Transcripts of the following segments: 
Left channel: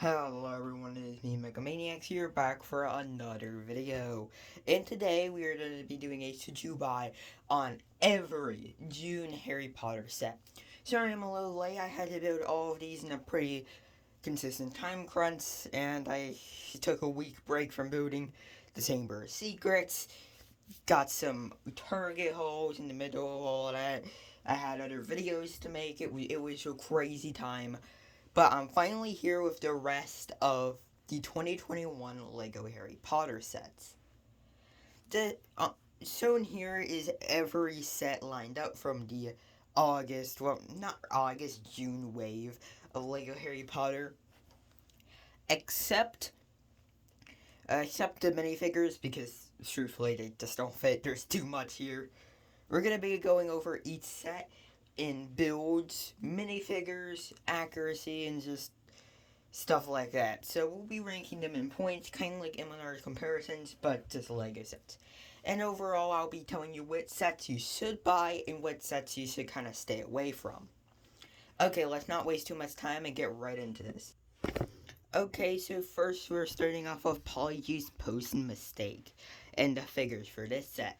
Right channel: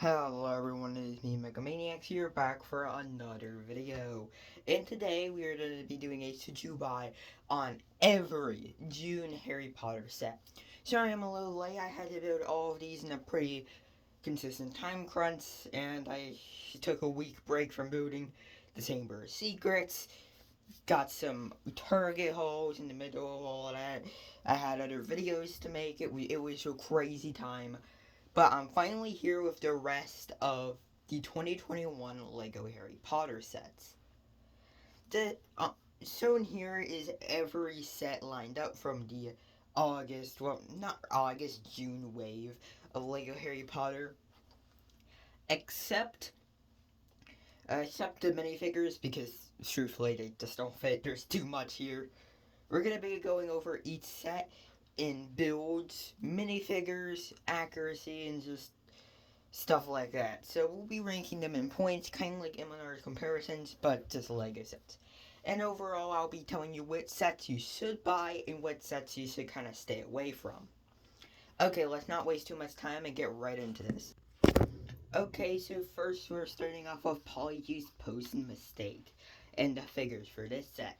Hello everyone, it is me Megamaniacs here back for another video. And today we are going to be doing a to buy on every June Harry Potter set. Sorry I'm a little late, I had to build all of these in a pretty consistent time crunch, and I took a week break from building the Chamber of Secrets. Got some Target hauls in the middle of all of that. I had other videos to make, it was a crazy time. But I'm finally here with the rest of the 2021 Lego Harry Potter sets. The shown here is every set lined up from the August, well, not August, June wave of Lego Harry Potter, except except the minifigures because truthfully they just don't fit. There's too much here. We're gonna be going over each set in builds, minifigures, accuracy, and just stuff like that. So we'll be ranking them in points, kind of like MLR comparisons, but just Lego sets. And overall, I'll be telling you which sets you should buy and which sets you should kind of stay away from. Okay, let's not waste too much time and get right into this. Okay, so first we're starting off with Polyjuice Potion Mistake and the figures for this set.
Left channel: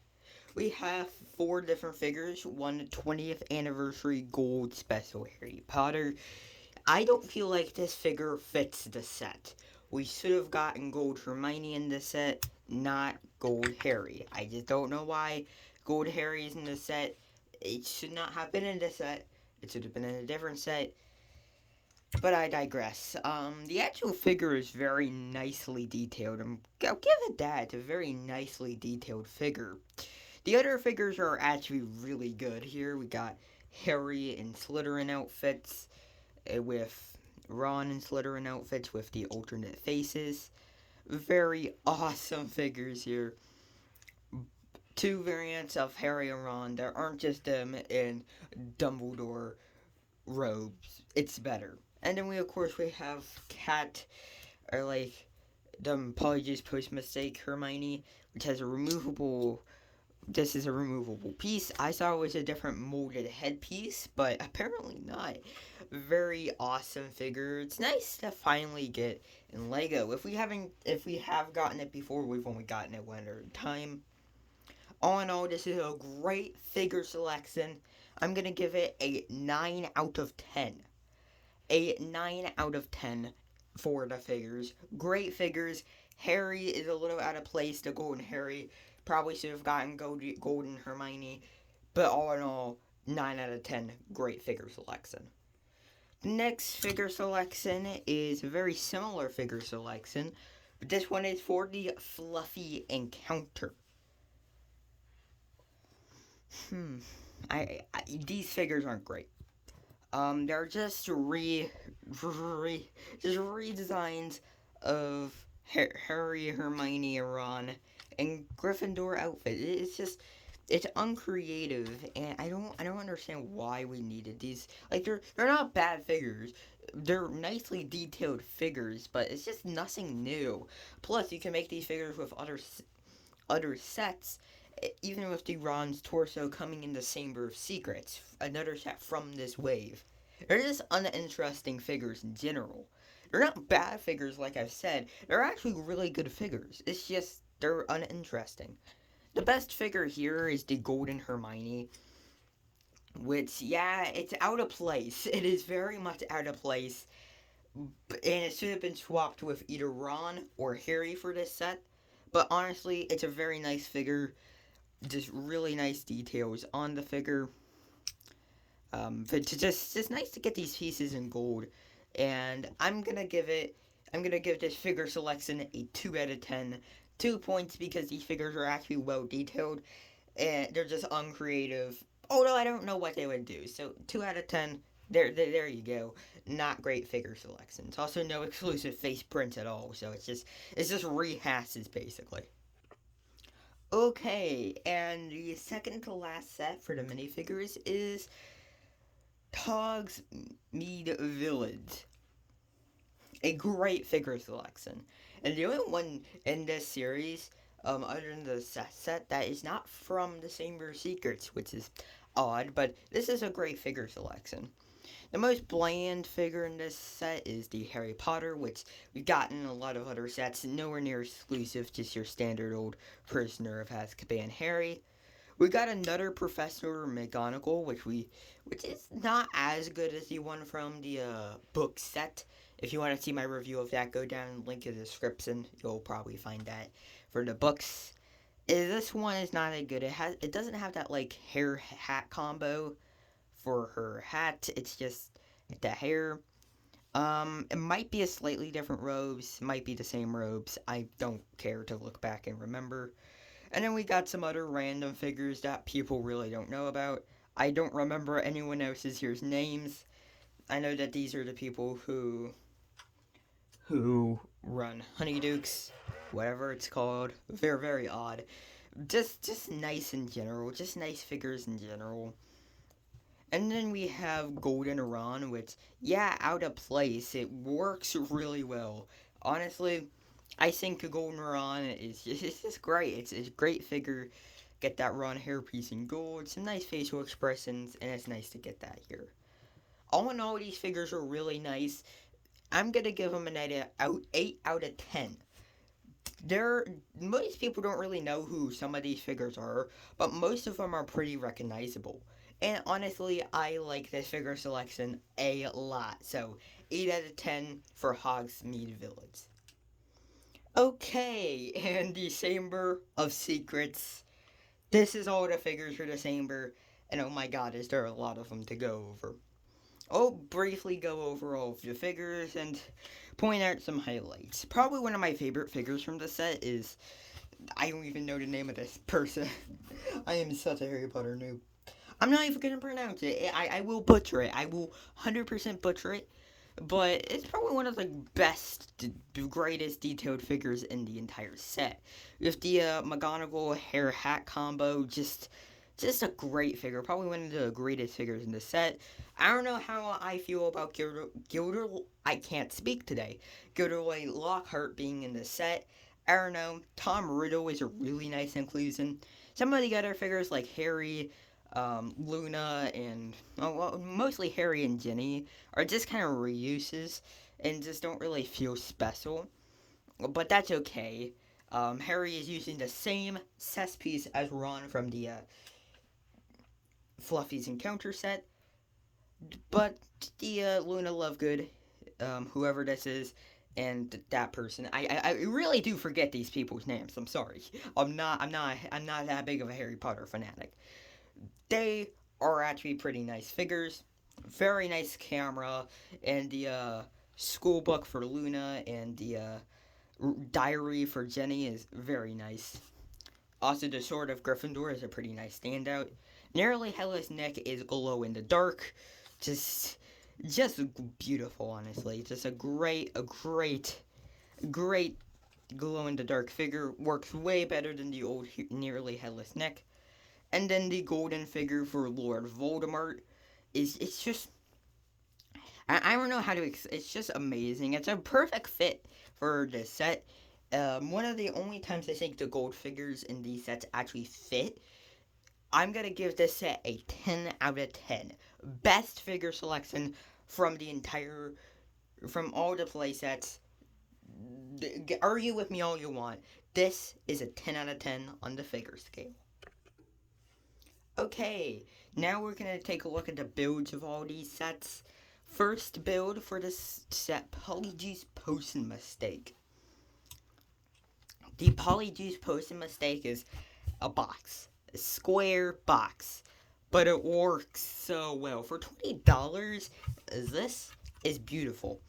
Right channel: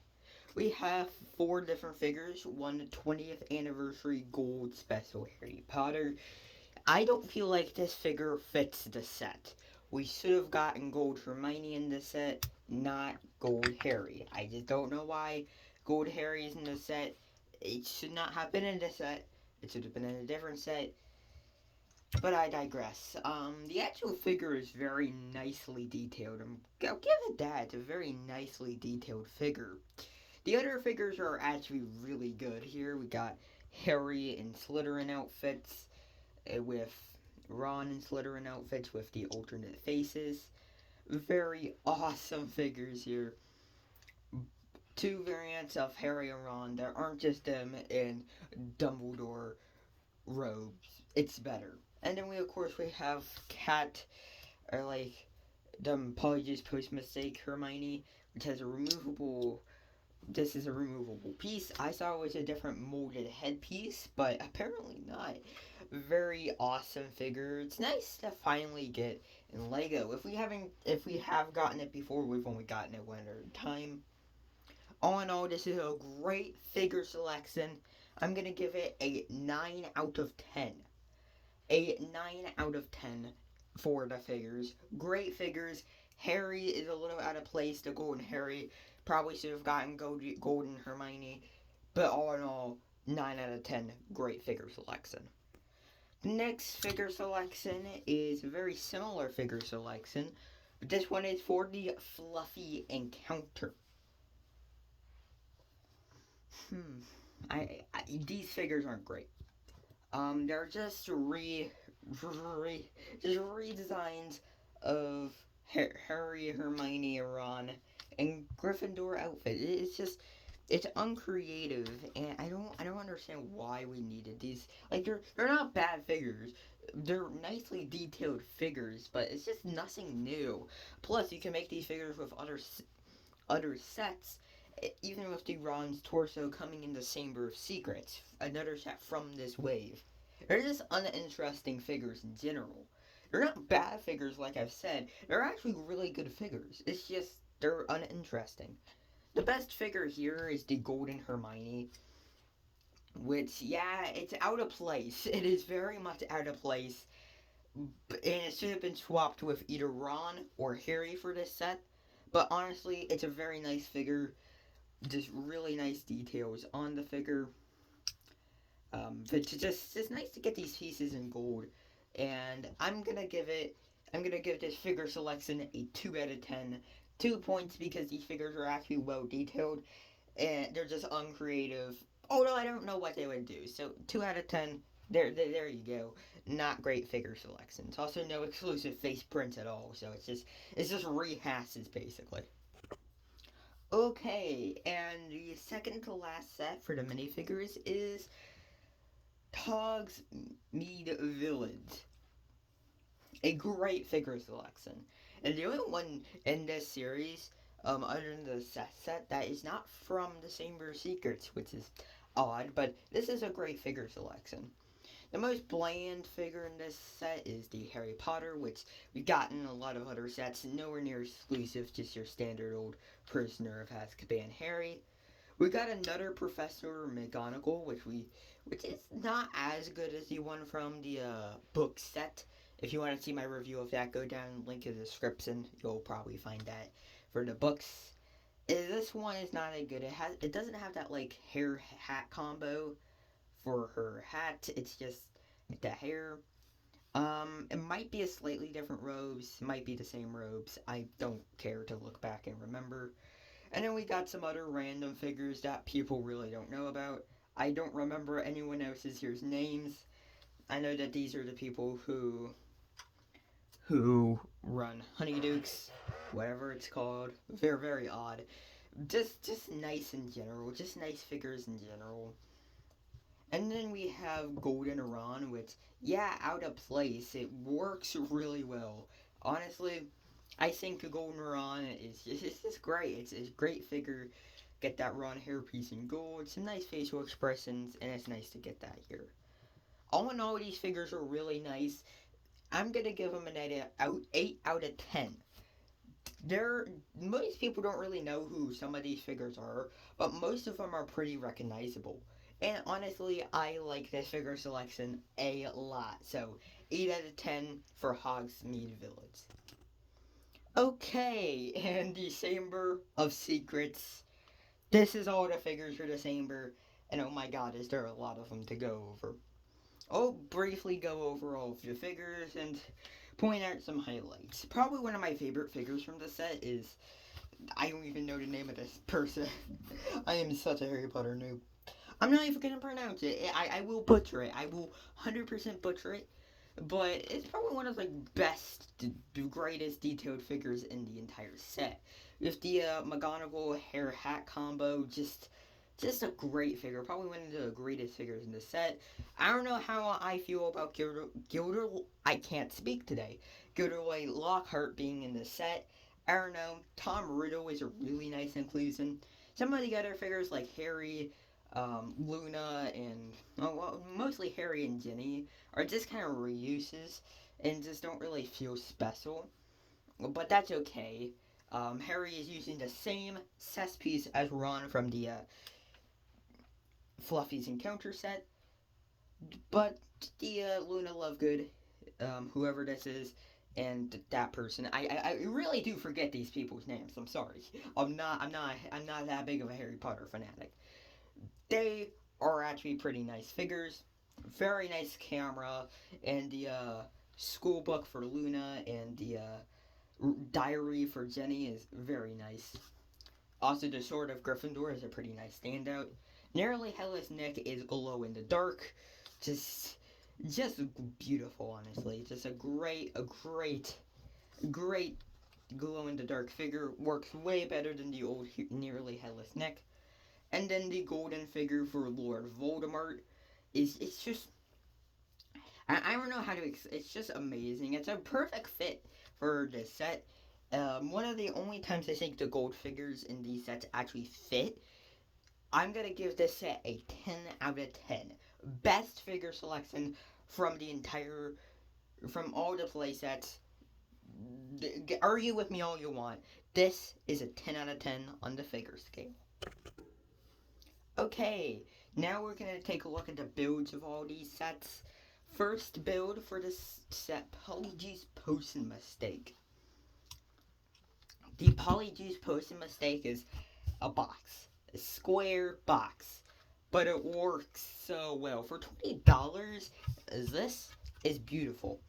We have 4 different figures, one 20th anniversary gold special Harry Potter. I don't feel like this figure fits the set. We should have gotten Gold Hermione in the set, not Gold Harry. I just don't know why Gold Harry is in the set. It should not have been in the set. It should have been in a different set. But I digress. The actual figure is very nicely detailed. I'll give it that. It's a very nicely detailed figure. The other figures are actually really good here. We got Harry in Slytherin outfits with Ron and Slytherin outfits with the alternate faces. Very awesome figures here. 2 variants of Harry and Ron. There aren't just them in Dumbledore robes. It's better. And then we of course we have Cat, or like the Polyjuice Post Mistake Hermione, which has a removable. This is a removable piece. I saw it was a different molded headpiece, but apparently not. Very awesome figure. It's nice to finally get in Lego. If we have gotten it before, we've only gotten it one at a time. All in all, this is a great figure selection. I'm gonna give it a 9 out of 10. A 9 out of 10 for the figures. Great figures. Harry is a little out of place. The Golden Harry probably should have gotten Golden Hermione, but all in all, 9 out of 10. Great figure selection. Next figure selection is a very similar figure selection, but this one is for the Fluffy Encounter. Hmm. These figures aren't great. They're just redesigns of Harry, Hermione, and Ron in Gryffindor outfit. It's uncreative, and I don't understand why we needed these. Like they're not bad figures. They're nicely detailed figures, but it's just nothing new. Plus, you can make these figures with other sets, even with the Ron's torso coming in the Chamber of Secrets, another set from this wave. They're just uninteresting figures in general. They're not bad figures, like I've said. They're actually really good figures. It's just they're uninteresting. The best figure here is the Golden Hermione, which, yeah, it's out of place. It is very much out of place, and it should have been swapped with either Ron or Harry for this set. But honestly, it's a very nice figure. Just really nice details on the figure. But just nice to get these pieces in gold. And I'm gonna give this figure selection a 2 out of 10. 2 points because these figures are actually well detailed and they're just uncreative. Although I don't know what they would do. So 2 out of 10. There you go. Not great figure selections. Also, no exclusive face prints at all. So it's just rehashes basically. Okay, and the second to last set for the minifigures is Hogsmeade Village. A great figure selection. And the only one in this series, other than the set that is not from the Chamber of Secrets, which is odd, but this is a great figure selection. The most bland figure in this set is the Harry Potter, which we've gotten in a lot of other sets, nowhere near exclusive, just your standard old Prisoner of Azkaban Harry. We got another Professor McGonagall, which is not as good as the one from the book set. If you want to see my review of that, go down, link in the description. You'll probably find that for the books. This one is not as good. It doesn't have that like hair hat combo for her hat. It's just the hair. It might be a slightly different robes. Might be the same robes. I don't care to look back and remember. And then we got some other random figures that people really don't know about. I don't remember anyone else's here's names. I know that these are the people who run Honeydukes, whatever it's called. They're very odd. Just nice in general. Just nice figures in general. And then we have Golden Iran, which, yeah, out of place. It works really well. Honestly, I think Golden Iran is just great. It's a great figure. Get that Ron hairpiece in gold, some nice facial expressions, and it's nice to get that here. All in all, these figures are really nice. I'm gonna give them an 8 out of 10. Most people don't really know who some of these figures are, but most of them are pretty recognizable. And honestly, I like this figure selection a lot. So 8 out of 10 for Hogsmeade Village. Okay, and the Chamber of Secrets. This is all the figures for the Chamber, and oh my god, is there a lot of them to go over. I'll briefly go over all of the figures and point out some highlights. Probably one of my favorite figures from the set is, I don't even know the name of this person. I am such a Harry Potter noob. I'm not even gonna pronounce it. I will butcher it. I will 100% butcher it. But it's probably one of the best, greatest detailed figures in the entire set. With the McGonagall hair hat combo, just a great figure. Probably one of the greatest figures in the set. I don't know how I feel about I can't speak today. Gilderoy Lockhart being in the set. I don't know. Tom Riddle is a really nice inclusion. Some of the other figures like Harry, Luna, and mostly Harry and Ginny are just kind of reuses and just don't really feel special. But that's okay. Harry is using the same cess piece as Ron from the Fluffy's Encounter set. But the Luna Lovegood, whoever this is, and that person, I really do forget these people's names. I'm sorry. I'm not that big of a Harry Potter fanatic. They are actually pretty nice figures. Very nice camera, and the school book for Luna and the diary for Jenny is very nice. Also, the Sword of Gryffindor is a pretty nice standout. Nearly Headless Nick is glow in the dark. Just beautiful, honestly. Just a great glow in the dark figure. Works way better than the old Nearly Headless Nick. And then the golden figure for Lord Voldemort it's just I don't know how to it's just amazing. It's a perfect fit for this set. One of the only times I think the gold figures in these sets actually fit. I'm gonna give this set a 10 out of 10. Best figure selection from all the play sets. Argue with me all you want. This is a 10 out of 10 on the figure scale. Okay, now we're going to take a look at the builds of all these sets. First build for this set, Polyjuice Potion Mistake. The Polyjuice Potion Mistake is a box. A square box. But it works so well. For $20, this is beautiful.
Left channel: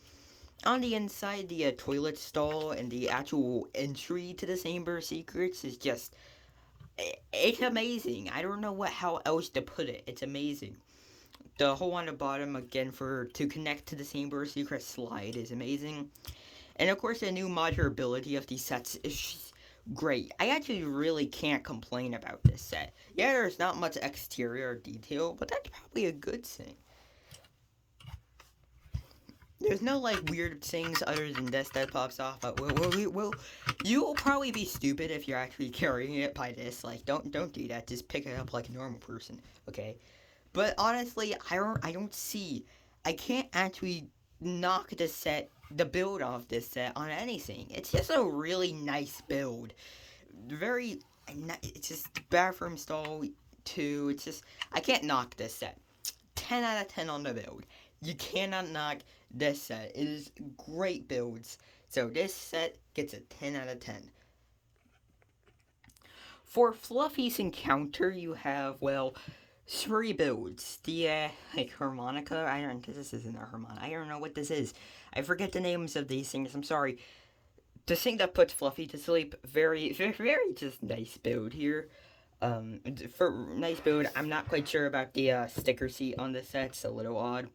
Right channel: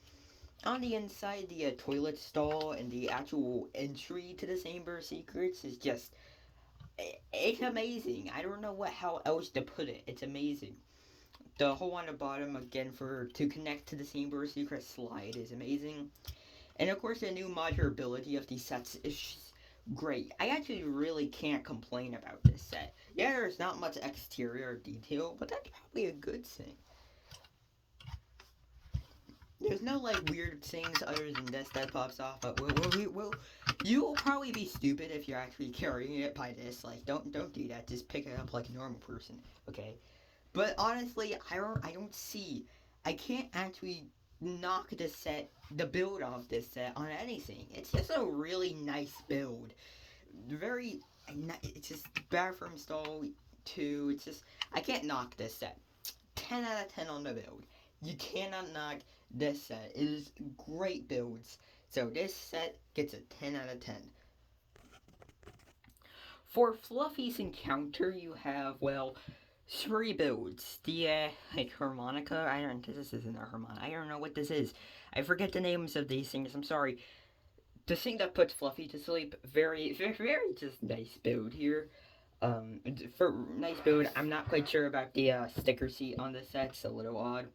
On the inside, the toilet stall and the actual entry to the Chamber of Secrets is just... It's amazing. I don't know how else to put it. It's amazing. The hole on the bottom, again, to connect to the Chamber of Secrets slide is amazing. And of course, the new modulability of these sets is just great. I actually really can't complain about this set. Yeah, there's not much exterior detail, but that's probably a good thing. There's no, like, weird things other than this that pops off, but you'll probably be stupid if you're actually carrying it by this. Like, don't do that. Just pick it up like a normal person, okay? But honestly, I don't see I can't actually knock the build off this set on anything. It's just a really nice build. Very, it's just bathroom stall too. It's just, I can't knock this set. 10 out of 10 on the build. You cannot knock this set. It is great builds. So this set gets a 10 out of 10. For Fluffy's encounter, you have, well, 3 builds. The, like, harmonica. This isn't a harmonica. I don't know what this is. I forget the names of these things. I'm sorry. The thing that puts Fluffy to sleep, very, very, very just nice build here. For nice build, I'm not quite sure about the sticker seat on this set. It's a little odd.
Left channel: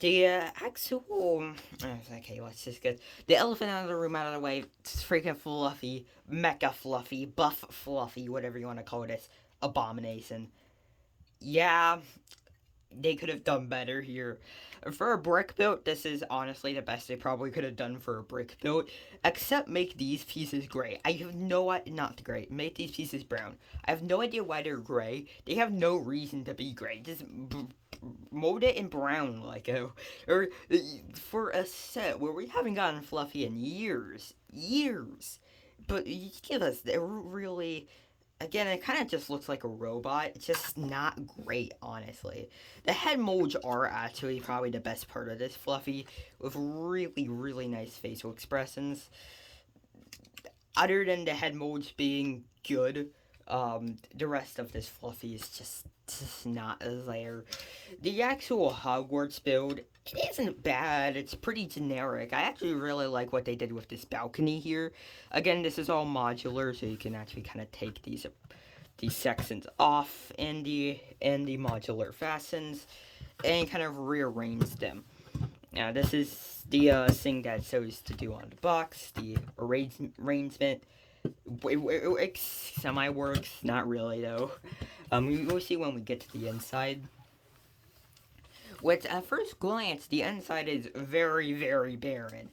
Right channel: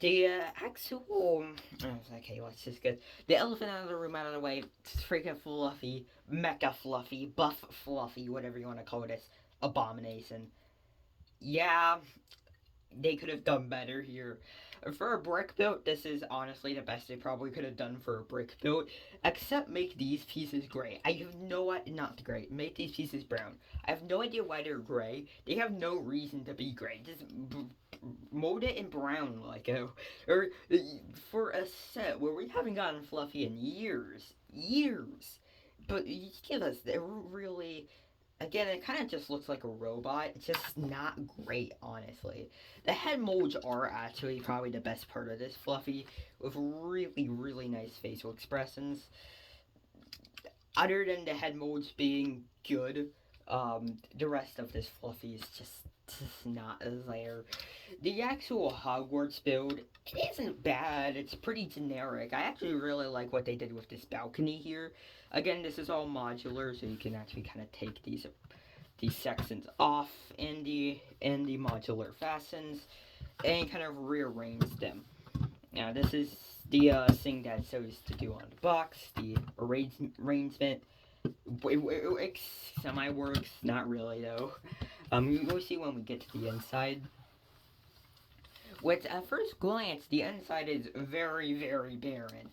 The actual, okay, let's just get the elephant out of the room, out of the way. It's freaking Fluffy, Mecha Fluffy, Buff Fluffy, whatever you want to call this abomination. Yeah, they could have done better here. For a brick build, this is honestly the best they probably could have done for a brick build. Except make these pieces gray. I have no idea, not gray, make these pieces brown. I have no idea why they're gray. They have no reason to be gray. Just mold it in brown, like or for a set where we haven't gotten Fluffy in years. But you give us, they're really, again, it kind of just looks like a robot. It's just not great, honestly. The head molds are actually probably the best part of this Fluffy, with really, really nice facial expressions. Other than the head molds being good, the rest of this Fluffy is just not there. The actual Hogwarts build, it isn't bad. It's pretty generic. I actually really like what they did with this balcony here. Again, this is all modular, so you can actually kind of take these sections off and the modular fastens and kind of rearrange them. Now, this is the thing that it's supposed to do on the box, the arrangement. It semi-works, not really though. You'll see when we get to the inside. Which, at first glance, the inside is very, very barren.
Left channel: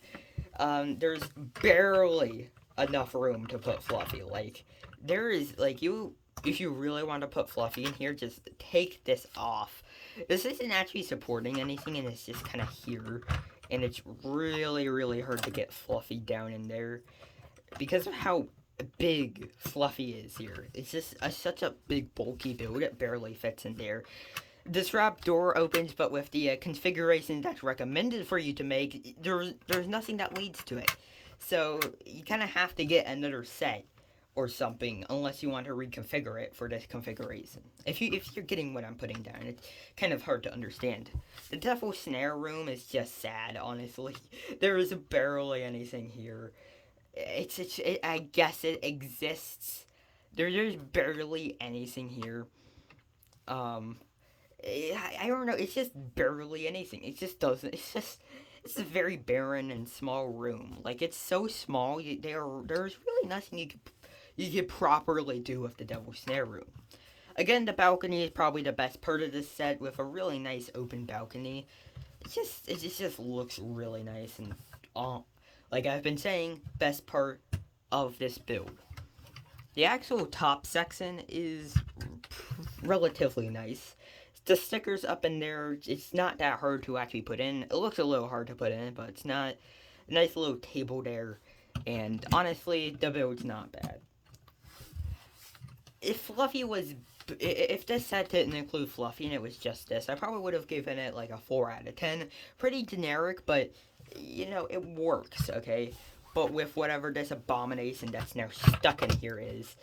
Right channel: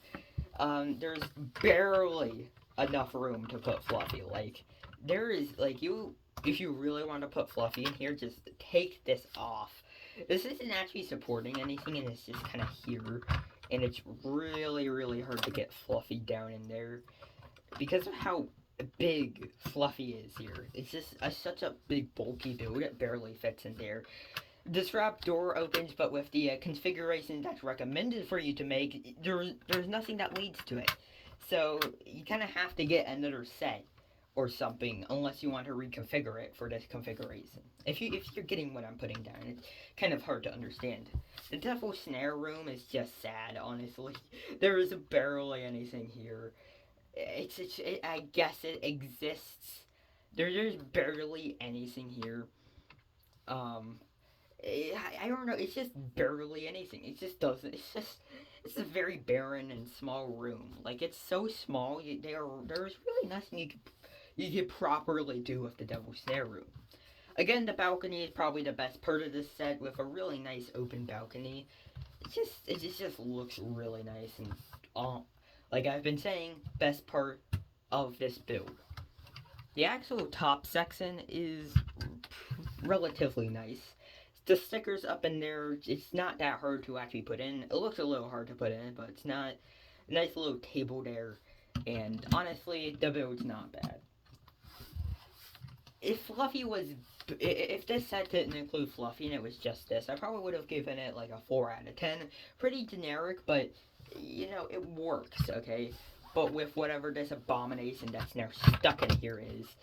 There's barely enough room to put Fluffy. Like, there is, like, if you really want to put Fluffy in here, just take this off. This isn't actually supporting anything, and it's just kind of here. And it's really, really hard to get Fluffy down in there. Because of how big Fluffy is here. It's just such a big, bulky build. It barely fits in there. This wrap door opens, but with the configuration that's recommended for you to make, there's nothing that leads to it. So you kind of have to get another set or something, unless you want to reconfigure it for this configuration. If you're getting what I'm putting down, it's kind of hard to understand. The Devil Snare room is just sad, honestly. There is barely anything here. I guess it exists. There's barely anything here. I don't know. It's just barely anything. It just doesn't. It's a very barren and small room. Like, it's so small. There's really nothing you could properly do with the Devil Snare room. Again, the balcony is probably the best part of this set, with a really nice open balcony. It just looks really nice, and like I've been saying, best part of this build. The actual top section is relatively nice. The stickers up in there, it's not that hard to actually put in. It looks a little hard to put in, but it's not. A nice little table there, and honestly, the build's not bad. If this set didn't include Fluffy and it was just this, I probably would have given it like a 4 out of 10. Pretty generic, but, you know, it works, okay? But with whatever this abomination that's now stuck in here is,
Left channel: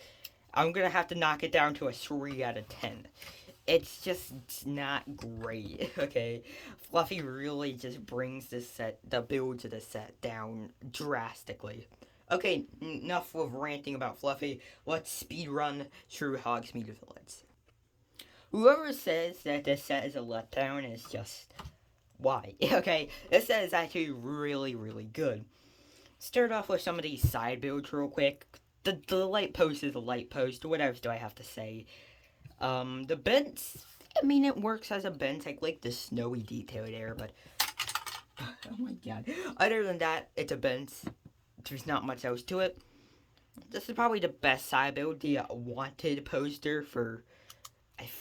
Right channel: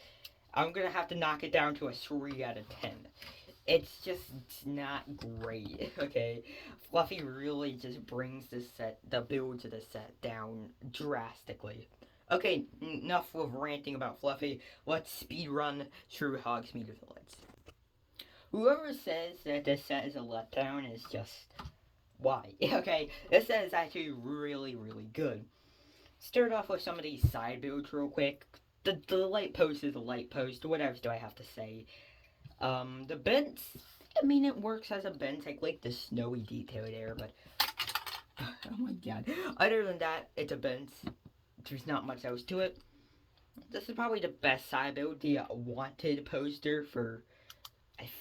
I'm gonna have to knock it down to a 3 out of 10. It's not great, okay? Fluffy really just brings the build to the set down drastically. Okay, enough of ranting about Fluffy. Let's speedrun through Hogsmeade Village. Whoever says that this set is a letdown is just... why? Okay, this set is actually really, really good. Start off with some of these side builds real quick. The light post is a light post. What else do I have to say? The bench, I mean, it works as a bench. I like the snowy detail there, but... oh my god. Other than that, it's a bench. There's not much else to it. This is probably the best side build. The wanted poster for...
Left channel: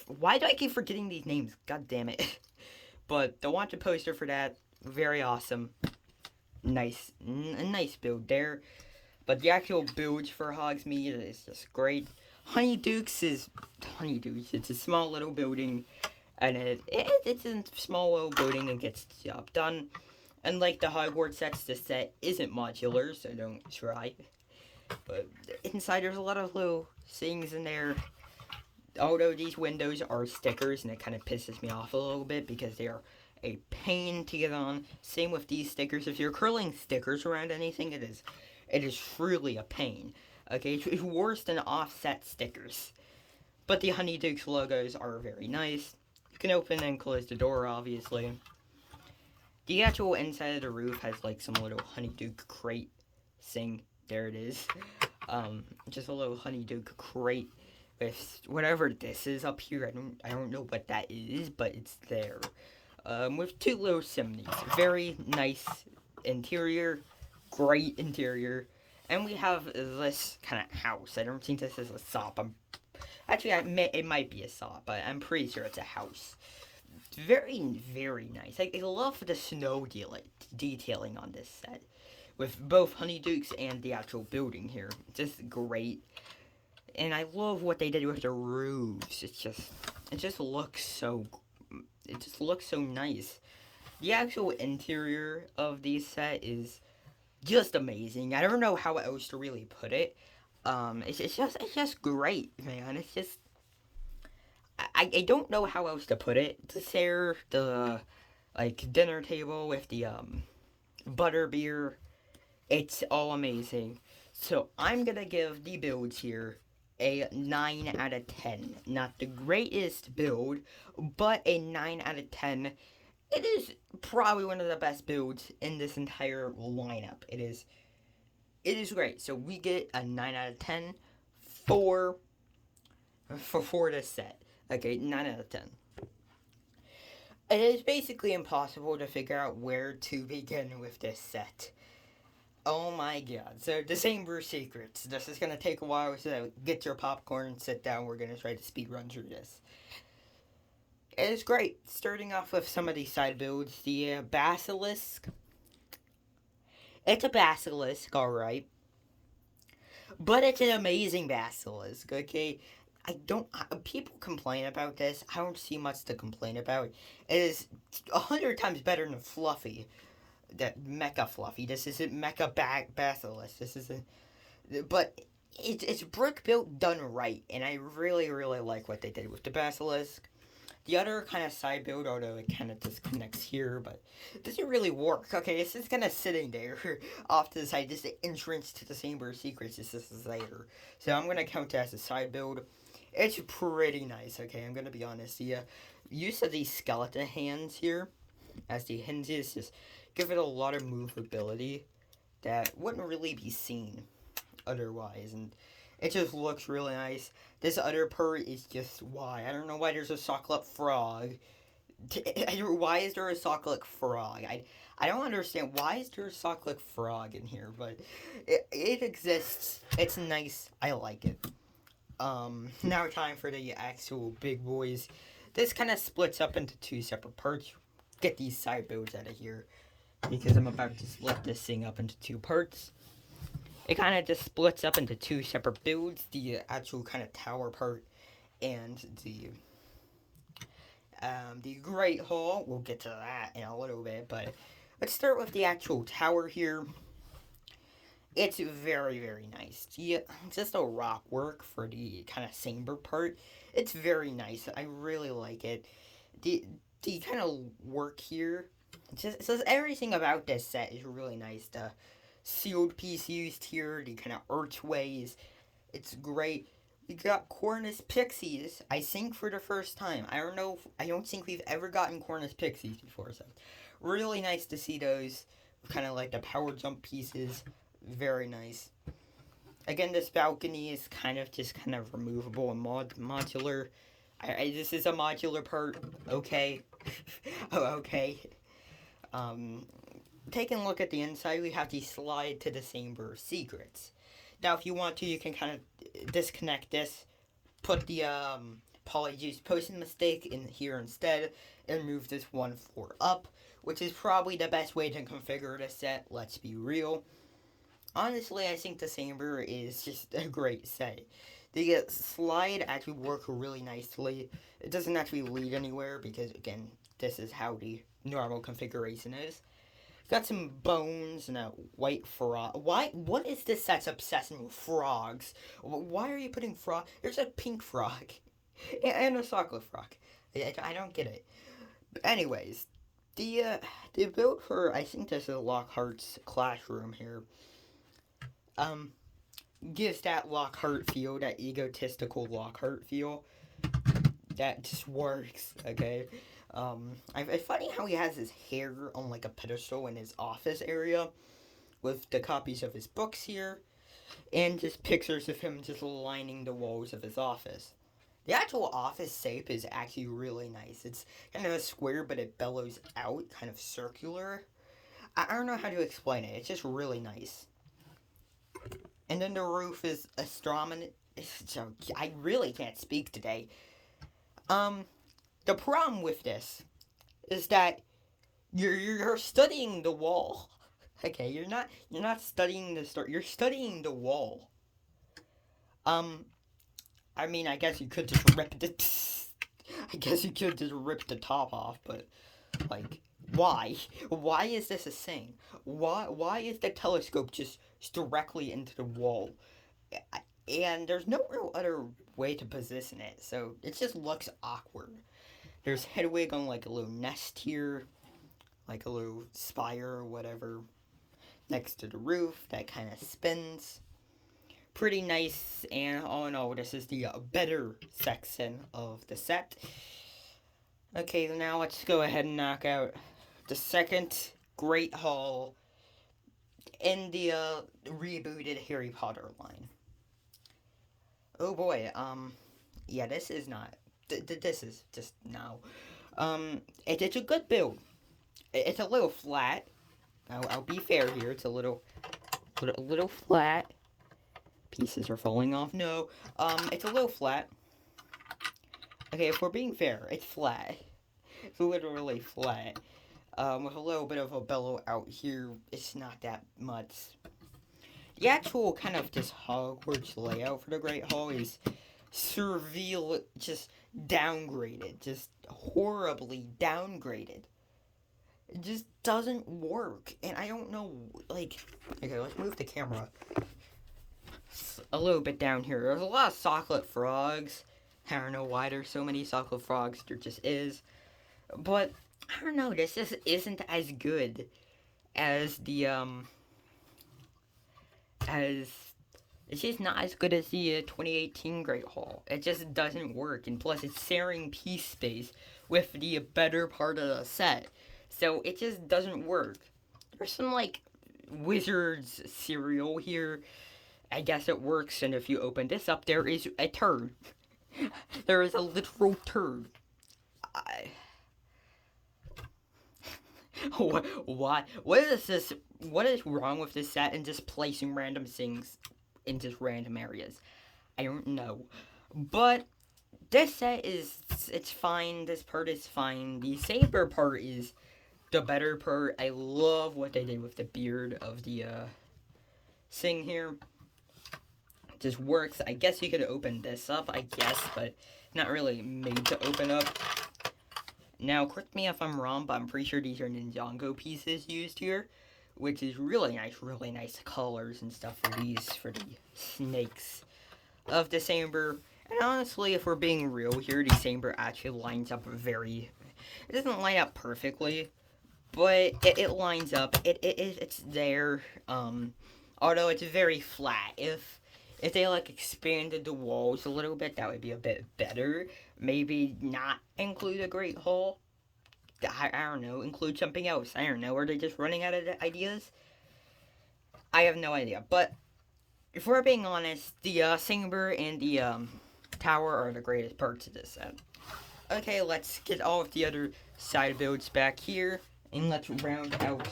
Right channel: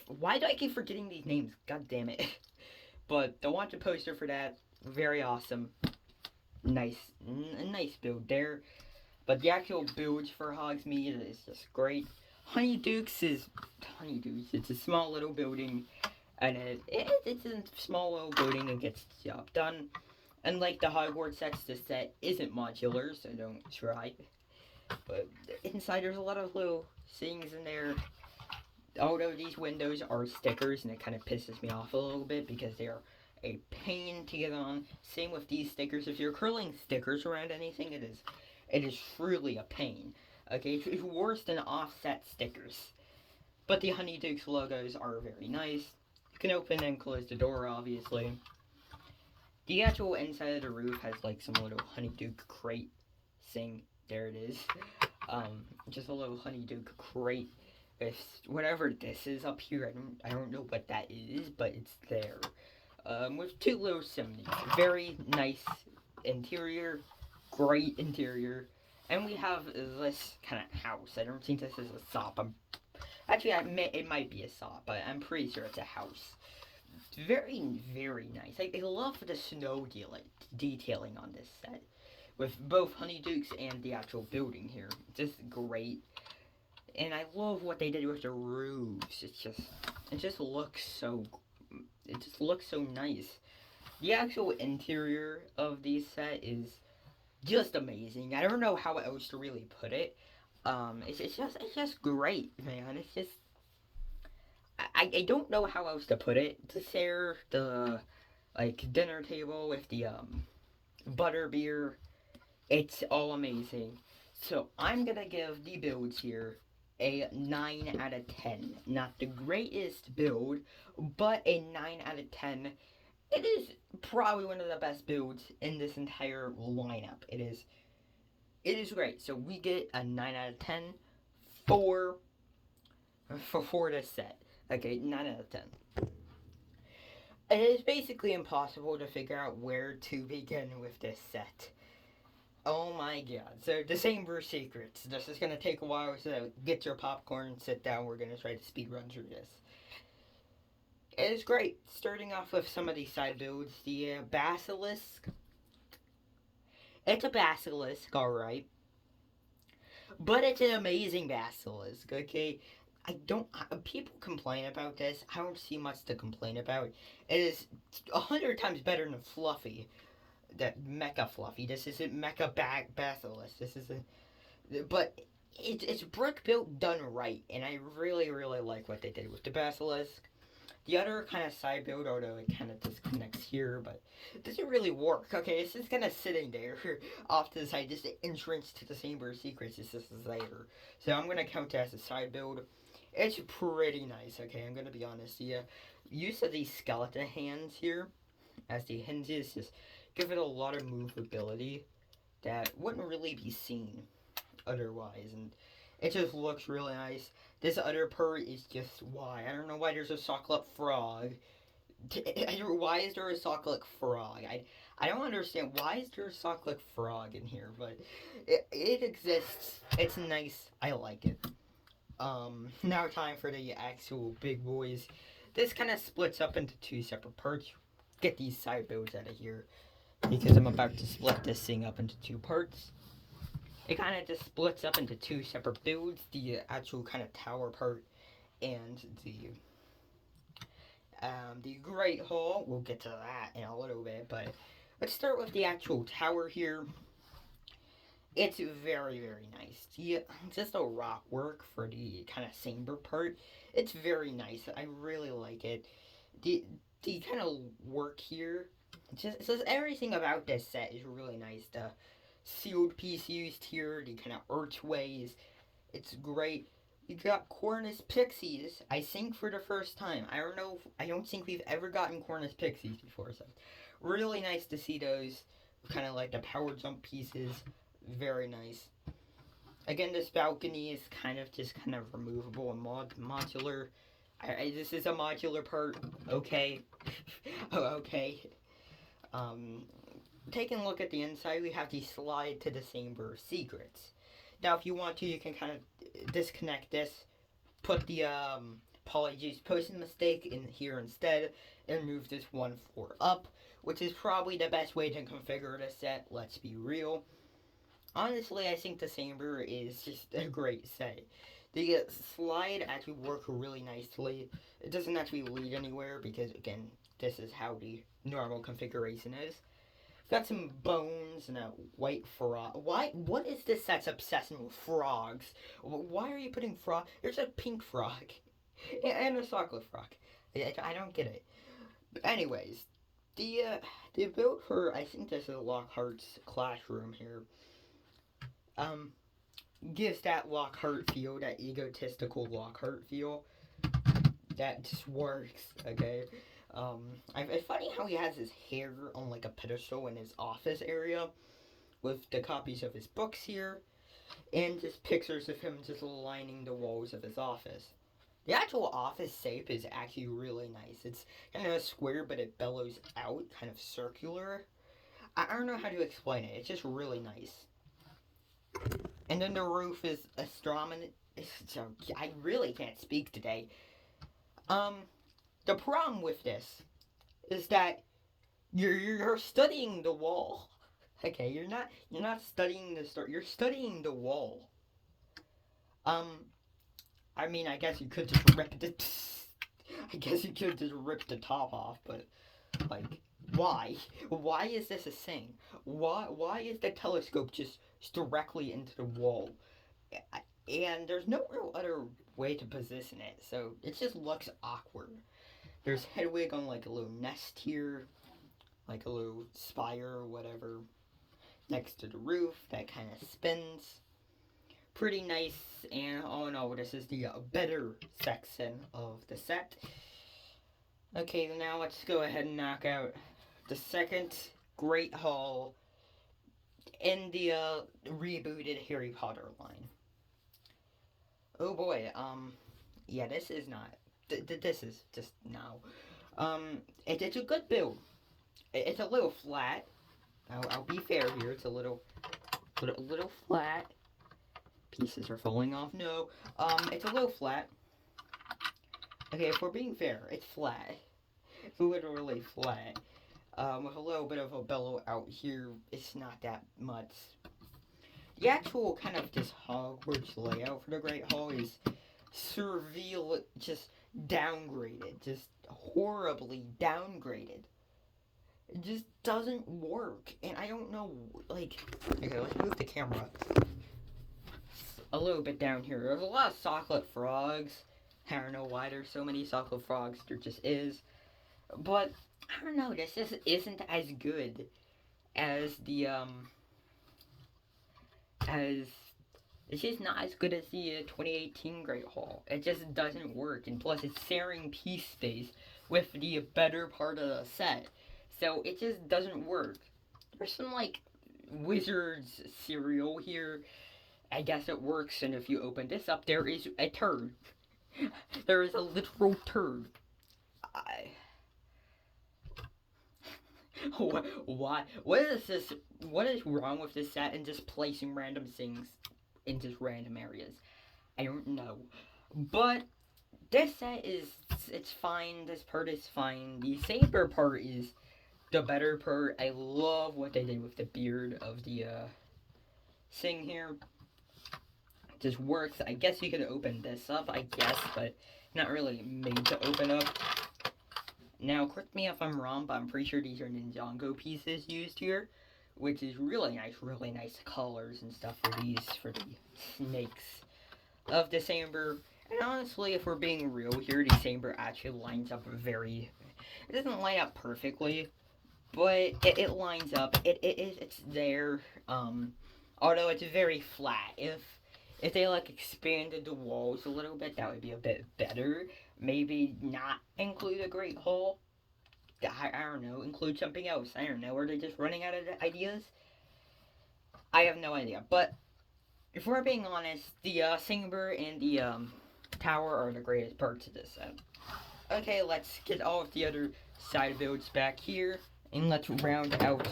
why do I keep forgetting these names? God damn it. But the wanted poster for that, very awesome. A nice build there. But the actual build for Hogsmeade is just great. Honeydukes. It's a small little building, and it's a small little building and gets the job done. Unlike the Hogwarts sets, this set isn't modular, so don't try. But inside, there's a lot of little things in there. Although these windows are stickers, and it kind of pisses me off a little bit because they are a pain to get on. Same with these stickers. If you're curling stickers around anything, it is truly a pain. Okay, it's worse than offset stickers. But the Honeydukes logos are very nice. You can open and close the door, obviously. The actual inside of the roof has like some little Honeyduke crate thing. There it is. Just a little Honeyduke crate with whatever this is up here. I don't know what that is, but it's there. With two little chimneys. Very nice interior. Great interior. And we have this kind of house. I don't think this is a SOP. It might be a SOP, but I'm pretty sure it's a house. It's very, very nice. I love the snow detailing on this set. With both Honeydukes and the actual building here. Just great. And I love what they did with the roofs. It just looks so nice. The actual interior of the set is just amazing. I don't know how else to really put it. It's just great, man. It's just I don't know how else to put it. The dinner table with the butterbeer, it's all amazing. So I'm gonna give the builds here a 9 out of 10. Not the greatest build, but a 9 out of 10. It is probably one of the best builds in this entire lineup. It is great. So we get a 9 out of 10 for this set. Okay, 9 out of 10. It is basically impossible to figure out where to begin with this set. Oh my god. So, December Secrets. This is going to take a while, so get your popcorn, sit down. We're going to try to speed run through this. It is great. Starting off with some of these side builds. The Basilisk. It's a Basilisk, alright. But it's an amazing Basilisk, okay? People complain about this. I don't see much to complain about. It is 100 times better than Fluffy. That Mecha Fluffy. This isn't Mecha Basilisk. But it's brick built done right, and I really, really like what they did with the Basilisk. The other kind of side build, although it kind of disconnects here, but it doesn't really work. Okay, it's just kind of sitting there off to the side, just the entrance to the Chamber of Secrets is just there. So I'm gonna count it as a side build. It's pretty nice. Okay, I'm gonna be honest. The use of these skeleton hands here as the hinges just give it a lot of movability that wouldn't really be seen otherwise, and it just looks really nice. This other part is just why. I don't know why there's a Socklet frog. Why is there a Socklet frog? I don't understand. Why is there a Socklet frog in here? But it exists. It's nice. I like it. Now time for the actual big boys. This kind of splits up into two separate parts. Get these side builds out of here, because I'm about to split this thing up into two parts. It kind of just splits up into two separate builds. The actual kind of tower part and the Great Hall. We'll get to that in a little bit, but let's start with the actual tower here. It's very, very nice. Just a rock work for the kind of chamber part. It's very nice. I really like it. The kind of work here, just everything about this set is really nice. The sealed piece used here, the kind of archways, it's great. You got Cornus Pixies, I think for the first time. I don't think we've ever gotten Cornus Pixies before, so really nice to see those. Kind of like the power jump pieces, very nice. Again, this balcony is kind of removable and modular. This is a modular part, okay. Okay. Taking a look at the inside, we have the slide to the Chamber of Secrets. Now, if you want to, you can kind of disconnect this, put the Apologies, posted a mistake in here instead and moved this one floor up, which is probably the best way to configure the set, let's be real. Honestly, I think the Saber is just a great set. The slide actually works really nicely. It doesn't actually lead anywhere because, again, this is how the normal configuration is. Got some bones and a white frog. Why? What is this set's obsession with frogs? Why are you putting frog? There's a pink frog and a chocolate frog. I don't get it. But anyways, the build for, I think this is Lockhart's classroom here. Gives that Lockhart feel, that egotistical Lockhart feel. That just works, okay? It's funny how he has his hair on like a pedestal in his office area with the copies of his books here and just pictures of him just lining the walls of his office. The actual office shape is actually really nice. It's kind of a square, but it bellows out, kind of circular. I don't know how to explain it. It's just really nice. And then the roof is astronomy. I really can't speak today. The problem with this is that you're studying the wall. Okay, you're not studying the story. You're studying the wall. I mean, I guess you could just rip the. I guess you could just rip the top off, but like, why? Why is this a thing? Why is the telescope just directly into the wall? And there's no real other way to position it, so it just looks awkward. There's Hedwig on like a little nest here, like a little spire or whatever, next to the roof that kind of spins. Pretty nice, and all in all, this is the better section of the set. Okay, now let's go ahead and knock out the second Great Hall in the rebooted Harry Potter line. Oh boy, yeah, this is not. This is just no. It's a good build. It's a little flat. I'll be fair here. It's a little flat. Pieces are falling off. No, it's a little flat. Okay, if we're being fair, it's flat. It's literally flat. With a little bit of a bellow out here. It's not that much. The actual kind of just Hogwarts layout for the Great Hall is surreal, just downgraded, just horribly downgraded. It just doesn't work, and I don't know, like, okay, let's move the camera a little bit down here. There's a lot of chocolate frogs. I don't know why there's so many chocolate frogs, there just is, but, I don't know, this just isn't as good as the, it's just not as good as the 2018 Great Hall. It just doesn't work, and plus it's sharing piece space with the better part of the set, so it just doesn't work. There's some, like, Wizards cereal here. I guess it works, and if you open this up, there is a turd. There is a literal turd. Why? What is this? What is wrong with this set and just placing random things in just random areas? I don't know. But this set it's fine. This part is fine. The Saber part is the better part. I love what they did with the beard of the thing here. It just works. I guess you could open this up, I guess, but not really made to open up. Now, correct me if I'm wrong, but I'm pretty sure these are Ninjago pieces used here, which is really nice colors and stuff for these, for the snakes of the Saber. And honestly, if we're being real here, the Saber actually lines up it doesn't line up perfectly, but it lines up, it's there, although it's very flat. If they, like, expanded the walls a little bit, that would be a bit better. Maybe not include a Great Hall. I don't know. Include something else. I don't know. Are they just running out of ideas? I have no idea. But, if we're being honest, the Saber and the Tower are the greatest parts of this set. Okay, let's get all of the other side builds back here. And let's round out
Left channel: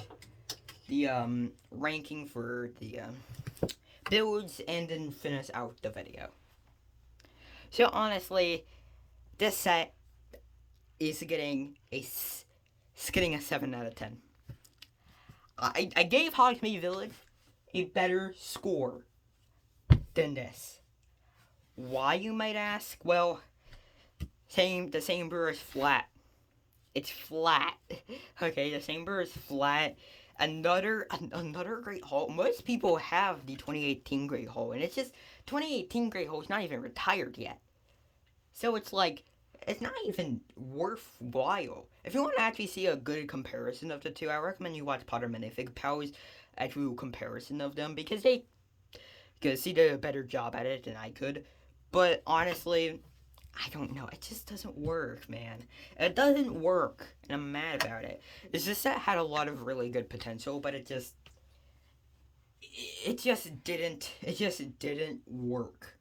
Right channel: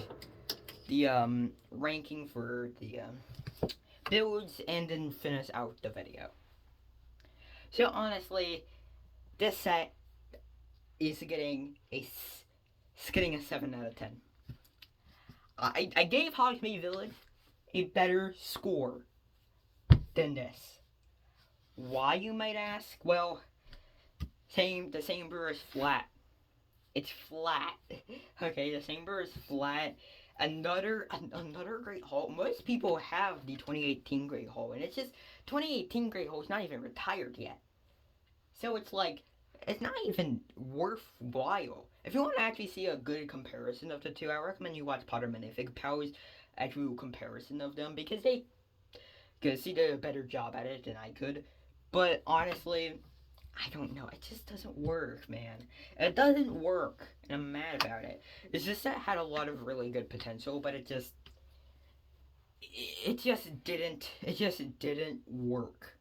the ranking for the builds and then finish out the video. So honestly, this set is getting a 7 out of 10. I gave Hogsmeade Village a better score than this. Why, you might ask? Well, the same brewer is flat. It's flat. Okay, the same brewer is flat. Another Great Hall. Most people have the 2018 Great Hall, and it's just 2018 Great Hall is not even retired yet. So it's like, it's not even worthwhile. If you want to actually see a good comparison of the two, I recommend you watch Potter Minifig Pow's actual comparison of them, because he did a better job at it than I could. But honestly, I don't know. It just doesn't work, man. It doesn't work, and I'm mad about it. It's just that it had a lot of really good potential, but it just didn't work.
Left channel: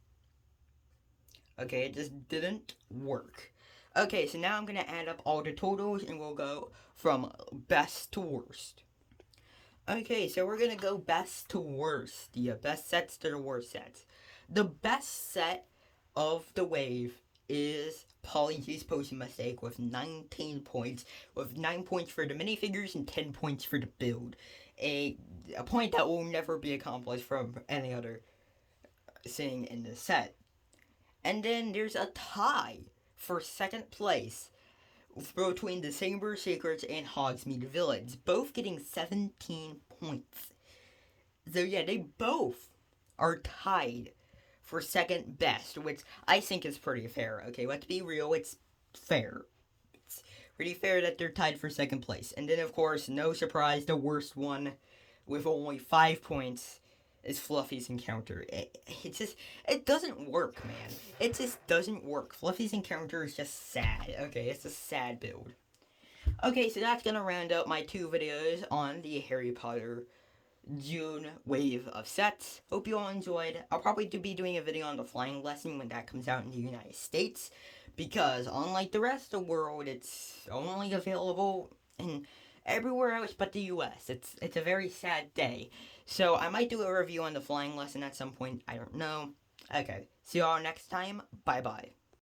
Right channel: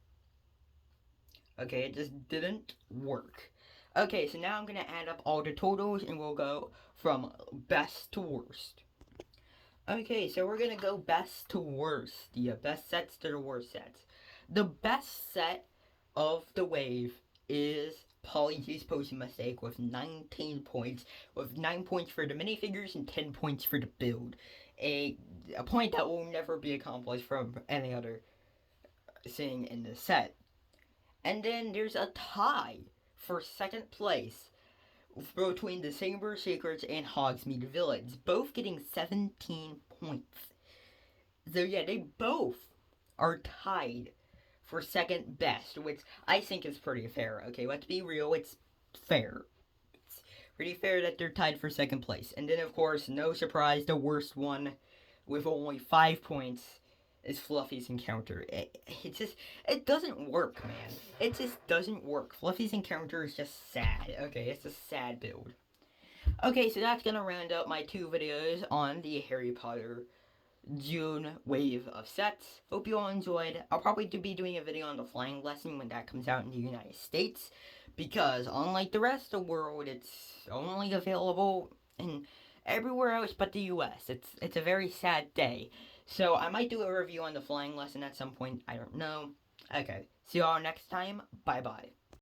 Okay, it just didn't work. Okay, so now I'm gonna add up all the totals, and we'll go from best to worst. Okay, so we're gonna go best to worst. The best sets to the worst sets. The best set of the wave is Polyjuice Potion Mistake with 19 points, with 9 points for the minifigures and 10 points for the build. A point that will never be accomplished from any other thing in the set. And then there's a tie for second place between the Saber Secrets and Hogsmeade Village, both getting 17 points. So yeah, they both are tied for second best, which I think is pretty fair. Okay, let's be real, it's fair. It's pretty fair that they're tied for second place. And then, of course, no surprise, the worst one with only 5 points is Fluffy's Encounter. It doesn't work, man. It just doesn't work. Fluffy's Encounter is just sad. Okay, it's a sad build. Okay, so that's gonna round out my 2 videos on the Harry Potter June wave of sets. Hope you all enjoyed. I'll probably be doing a video on the flying lesson when that comes out in the United States, because unlike the rest of the world, it's only available in everywhere else but the US. It's a very sad day. So I might do a review on the flying lesson at some point. I don't know. Okay. See you all next time. Bye-bye.